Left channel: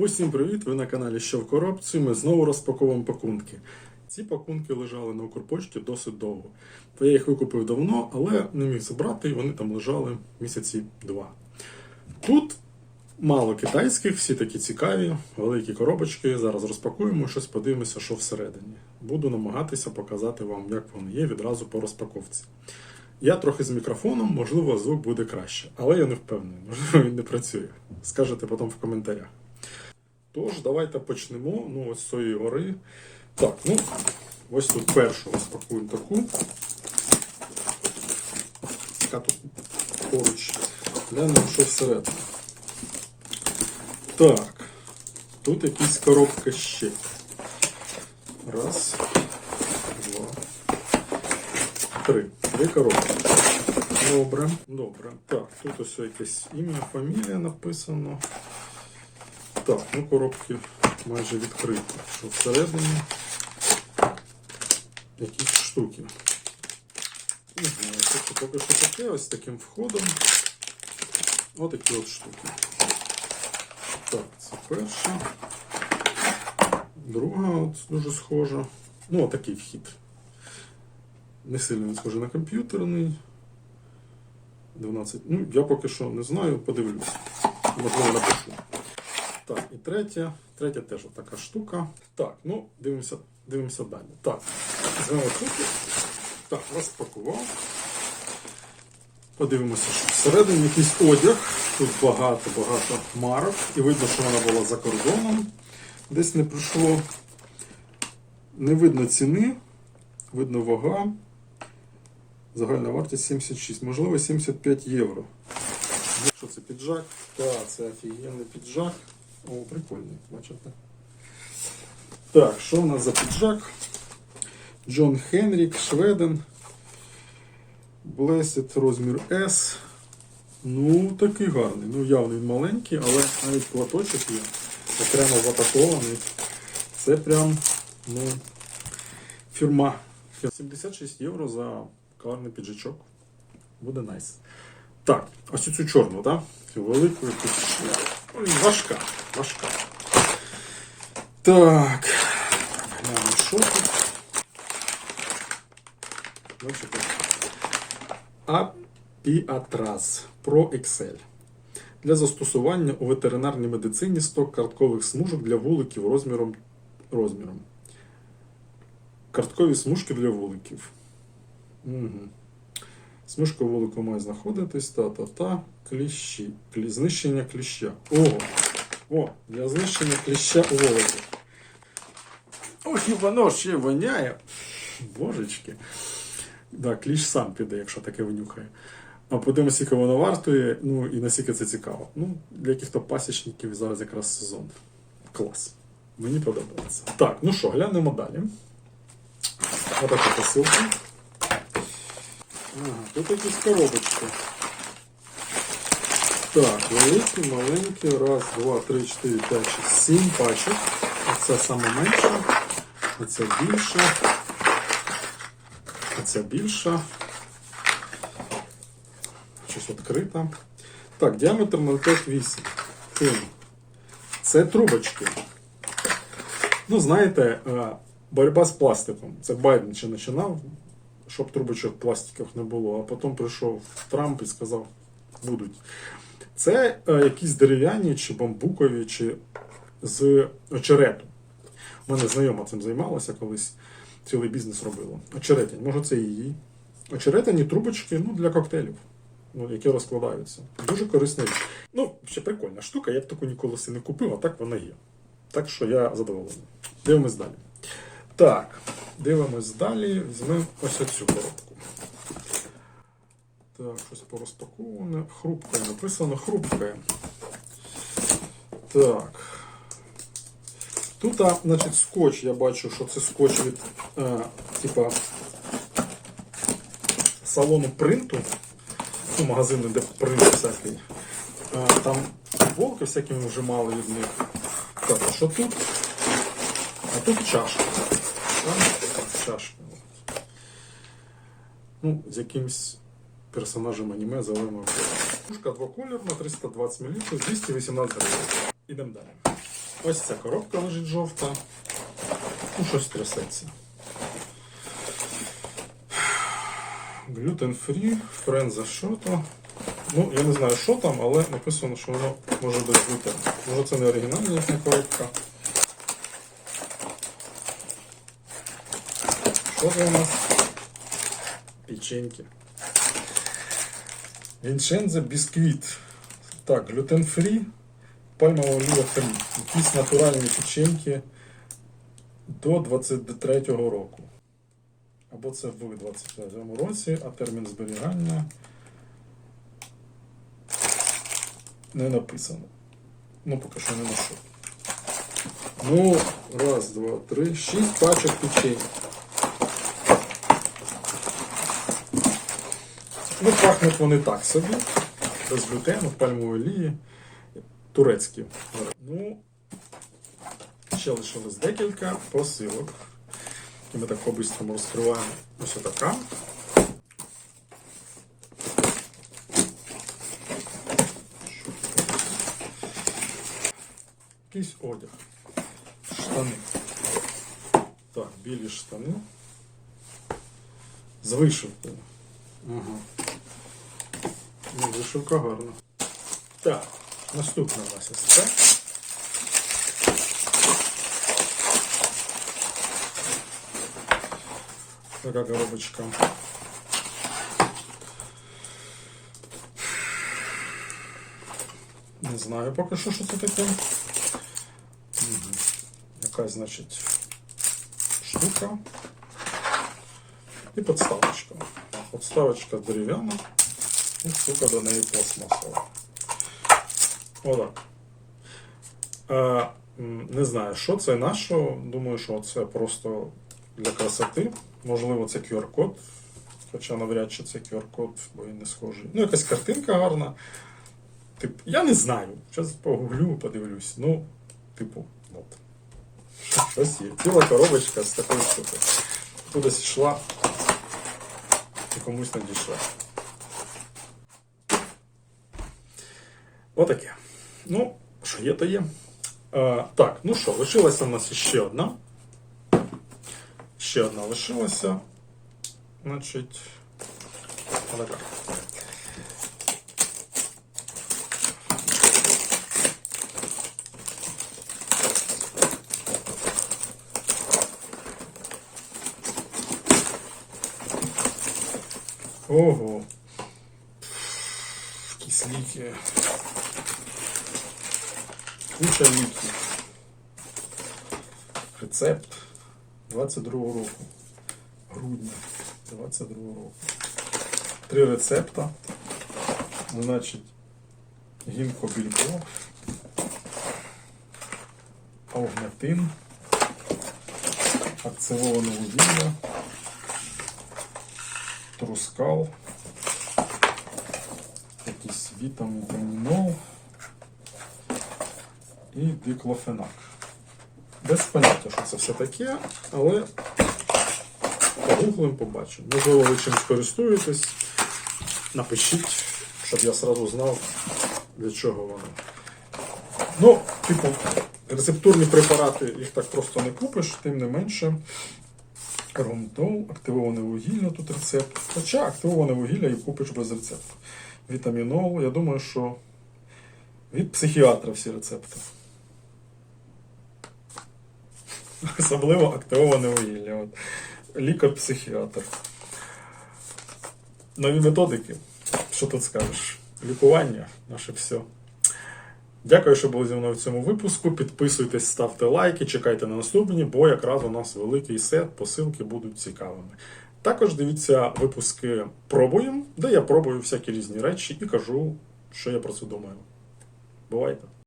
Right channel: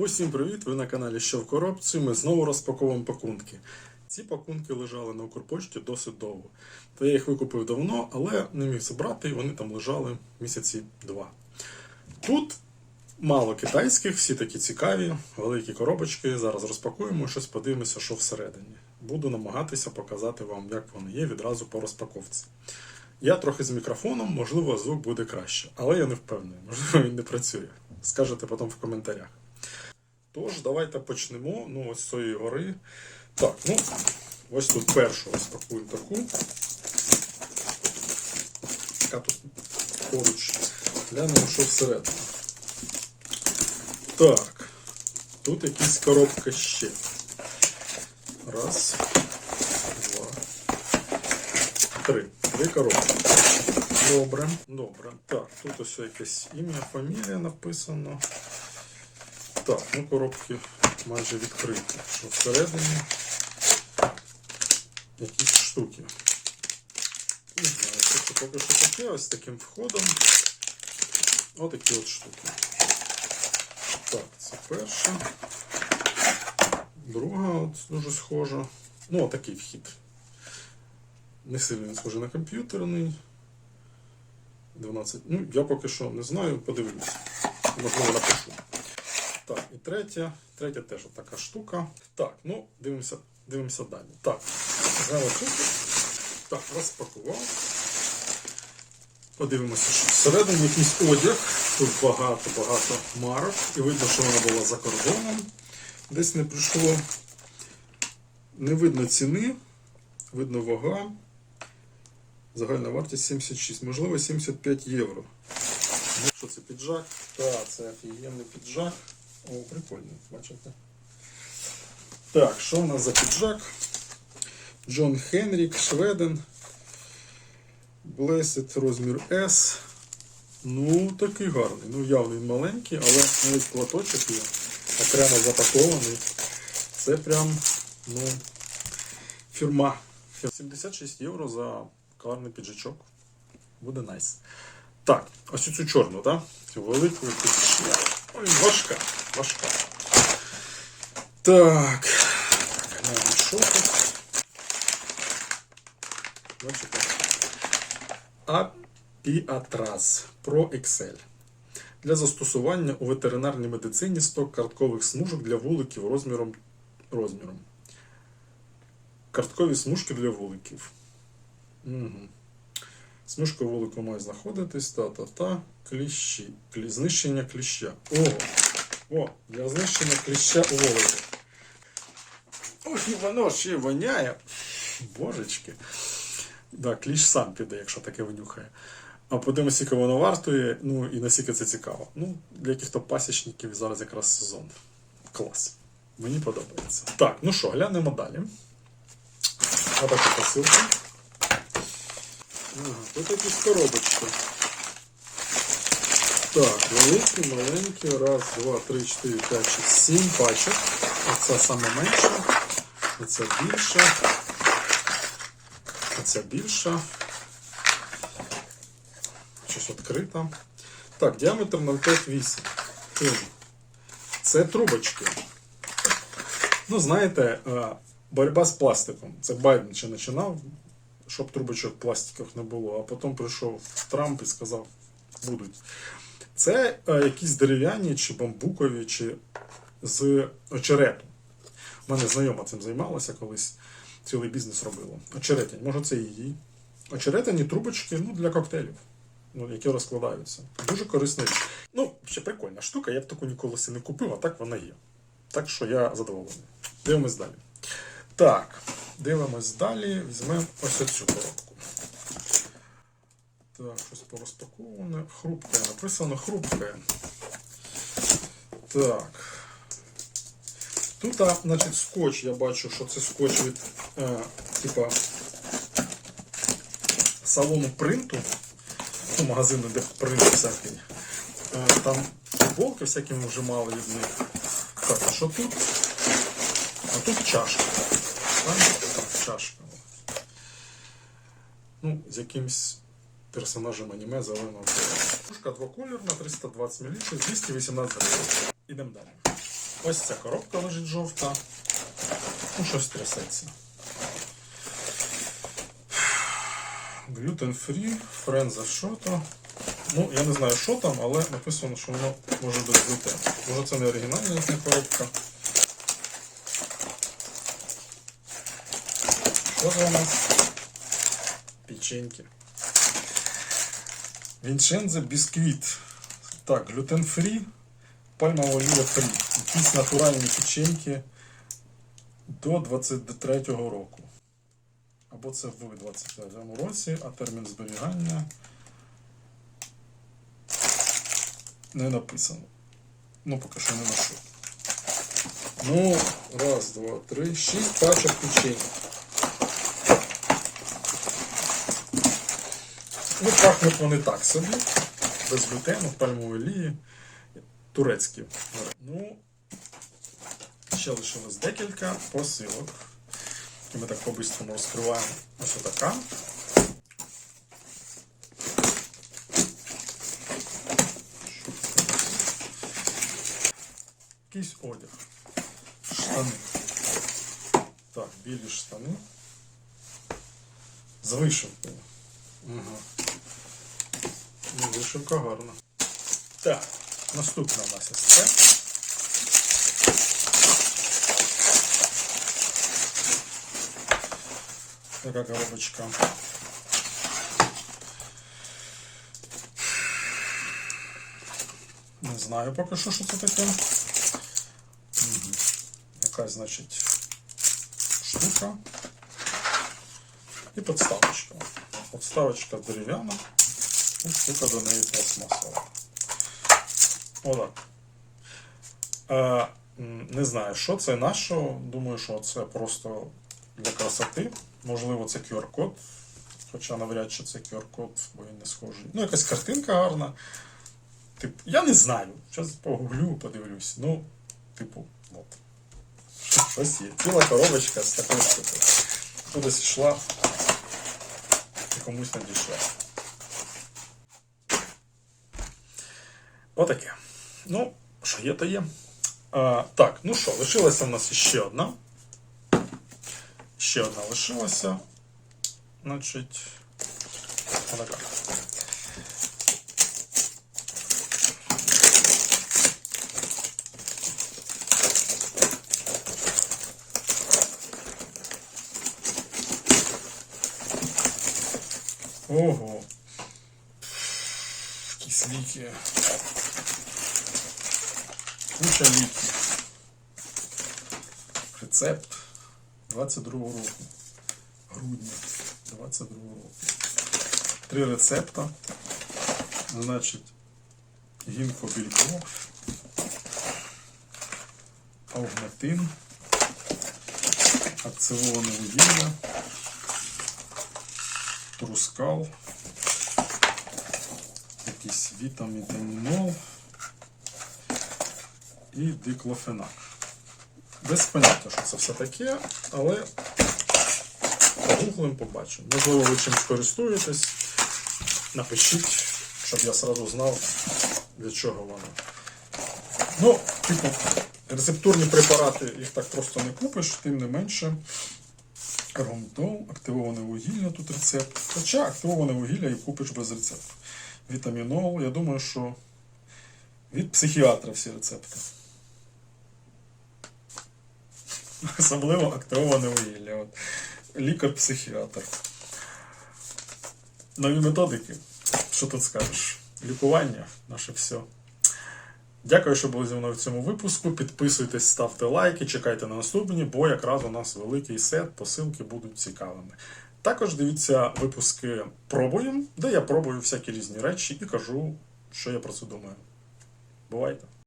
Усім привіт! Ви на каналі Що в коробці. Ми знову розпаковуємо пакунки. Ці пакунки лежали на Укрпочті досить довго. То я їх викупив давно, але не міг забрати, і вони там лежали місяці два. Тут мало китайських, всі такі цікаві, великі коробочки. Зараз розпакуємо щось, подивимося, що всередині. Буду намагатися показати вам, як вони є відразу по розпаковці. Я трохи з мікрофоном, можливо, звук буде краще, але я не впевнений, можливо, він не працює. Скажете потім в коментарях. Тож, давайте почнемо. Ну, ось з цієї гори. Так, ну, ось тут першу розпакуємо таку. Яка тут поруч. Глянемо, що всередині. Так. Тут якісь коробка ще. Раз, два, три. Три коробки. Добре, добре. Так, тут ось якесь ім'я, фамілія написано. Так, ну коробки майже відкриті. Що всередині якісь штуки. Не знаю, це поки що таке, ось таким входом. Отакі от штуки. Так, це перша. Друга от дуже схожа. Ну, отакий вхід. Не сильно він схожий на комп'ютерний. 12. Ну, я поки що не знаю, подивлюсь. Можливо, напишу. Третя. Третя теж така штука. Так, ну, дивимося, дивимося далі. Так, тут. Так, розпакував. Подивимося, що всередині якийсь одяг. Тут багато-багато марок. І видно, що вона була за кордоном. Десь не прийшло. Не видно ціни, видно вага. Загальна вартість 76, можливо, 75 євро. Що це піджак? Так, це офігенний піджак. О, прикольний, бачите. Так, що у нас за піджак? Джон Хенрік, Шведен. Blessed розмір S. Ну, такий гарний. Ну, явно він маленький, але навіть платочок є. Окремо запакований. Це прям, ну, фірма. 76 євро за гарний піджачок. Буде найс. Так, ось цю чорну, так? Цю велику. Ой, важка, важка. Так. Глянемо, що тут. Бачите? Апіатраз Pro Excel. Для застосування у ветеринарній медицині сток карткових смужок для вуликів розміром. розміром. Карткові смужки для вуликів. Угу. Смужка вулику має знаходитись, та-та-та, кліщі. Клі... Знищення кліща. О! О, для знищення кліща у вулику. Ох, і воно ще воняє. Божечки. Да, кліщ сам піде, якщо таке винюхає. А подивимося, скільки воно вартує, ну і наскільки це цікаво. Ну, для яких-то пасічників зараз якраз сезон. Клас. Мені подобається. Так, ну що, глянемо далі. Отака посилка. Ага, тут якісь коробочки. Так, великі, маленькі. Раз, два, три, чотири, п'ять, шість, сім пачок. Оце саме менше. Оце більша. Оце більша. Щось відкрита. Так, діаметр 0,58. Це трубочки. Ну, знаєте, е, боротьба з пластиком. Це Байден ще починав, щоб трубочок пластикових не було. А потім прийшов Трамп і сказав, будуть. Це е, якісь дерев'яні чи бамбукові, чи з очерету. У мене знайома цим займалася колись, цілий бізнес робила. Очеретянь, може це її. Очеретяні трубочки ну, для коктейлів, ну, які розкладаються. Дуже корисна річ. Ну, ще прикольна штука, я б таку ніколи не купив, а так вона є. Так що я задоволений. Дивимось далі. Так, дивимось далі. Візьмемо ось цю коробку. Так, щось порозпаковане. Хрупкає. Написано хрупкає. Так. Тут, значить, скотч, я бачу, що це скотч від е, типа салону принту. Ну, магазину, де принт всякий. Е, там футболки всякі ми вже мали від них. Так, що тут? А тут чашка. Чашка. Ну, з якимсь персонажем аніме кольору. Пушка двокольорна, 320 мл, 218 гривень. Ідемо далі. Ось ця коробка лежить жовта. Ну, щось трясеться. Free, френза що то. Ну, я не знаю, що там, але написано, що воно може без глютену. Може це не оригінальна коробка. Що у нас? Печеньки. Вінчензе бісквіт. Так, глютен фрі, пальмова олія фрі. Якісь натуральні печеньки до 23-го року. Або це в 23-му році, а термін зберігання не написано. Ну, поки що не ношу. Ну, раз, два, три, шість пачок печень. Ну, пахнуть вони так собі. Без глютену, пальмової олії. Турецькі. Ну, ще лишилось декілька посилок. Ми так по-бистрому розкриваємо. Ось така. Якийсь одяг. Штани. Так, білі штани. З вишивкою. Ага. Ну, вишивка гарна. Так, наступне у нас ось це. Така коробочка. Не знаю поки що, що це таке. Мгм. Якась, значить, штука. І подставочка. Подставочка дерев'яна. І штука до неї пластмасова. Отак. Е, не знаю, що це на. Думаю, що це просто для красоти. Можливо, це QR-код. Хоча навряд чи це QR-код, бо він не схожий. Ну, якась картинка гарна. Тип, я не знаю. Зараз погуглю, подивлюсь. Ну, типу, от. Щось є. Ціла коробочка з такою штукою. Кудись йшла і комусь не Отаке. Ну, що є, то є. А, так, ну що, лишилася в нас ще одна. Ще одна лишилася. Значить, отака. Ого. Якісь ліки. Куча ліків. Рецепт 22 року. Грудня 22 року. Три рецепта. Значить, гінко білько, аугнатин, активоване вугілля, трускал, якийсь вітамінол і диклофенак. Без поняття, що це все таке, але погуглим побачимо. Можливо, ви чимось користуєтесь. Напишіть, щоб я сразу знав, для чого воно. Ну, типу, рецептурні препарати їх так просто не купиш, тим не менше. Ромтол, активоване вугілля, тут рецепт. Хоча активоване вугілля і купиш без рецепту. Вітамінол, я думаю, що від психіатра всі рецепти. Особливо активоване вугілля. От. Лікар-психіатр. Нові методики. Що тут скажеш? Лікування наше все. Дякую, що були зі мною в цьому випуску. Підписуйтесь, ставте лайки, чекайте на наступні, бо якраз у нас великий сет, посилки будуть цікавими. Також дивіться випуски Пробуємо, де я пробую всякі різні речі і кажу, що я про це думаю. Бувайте!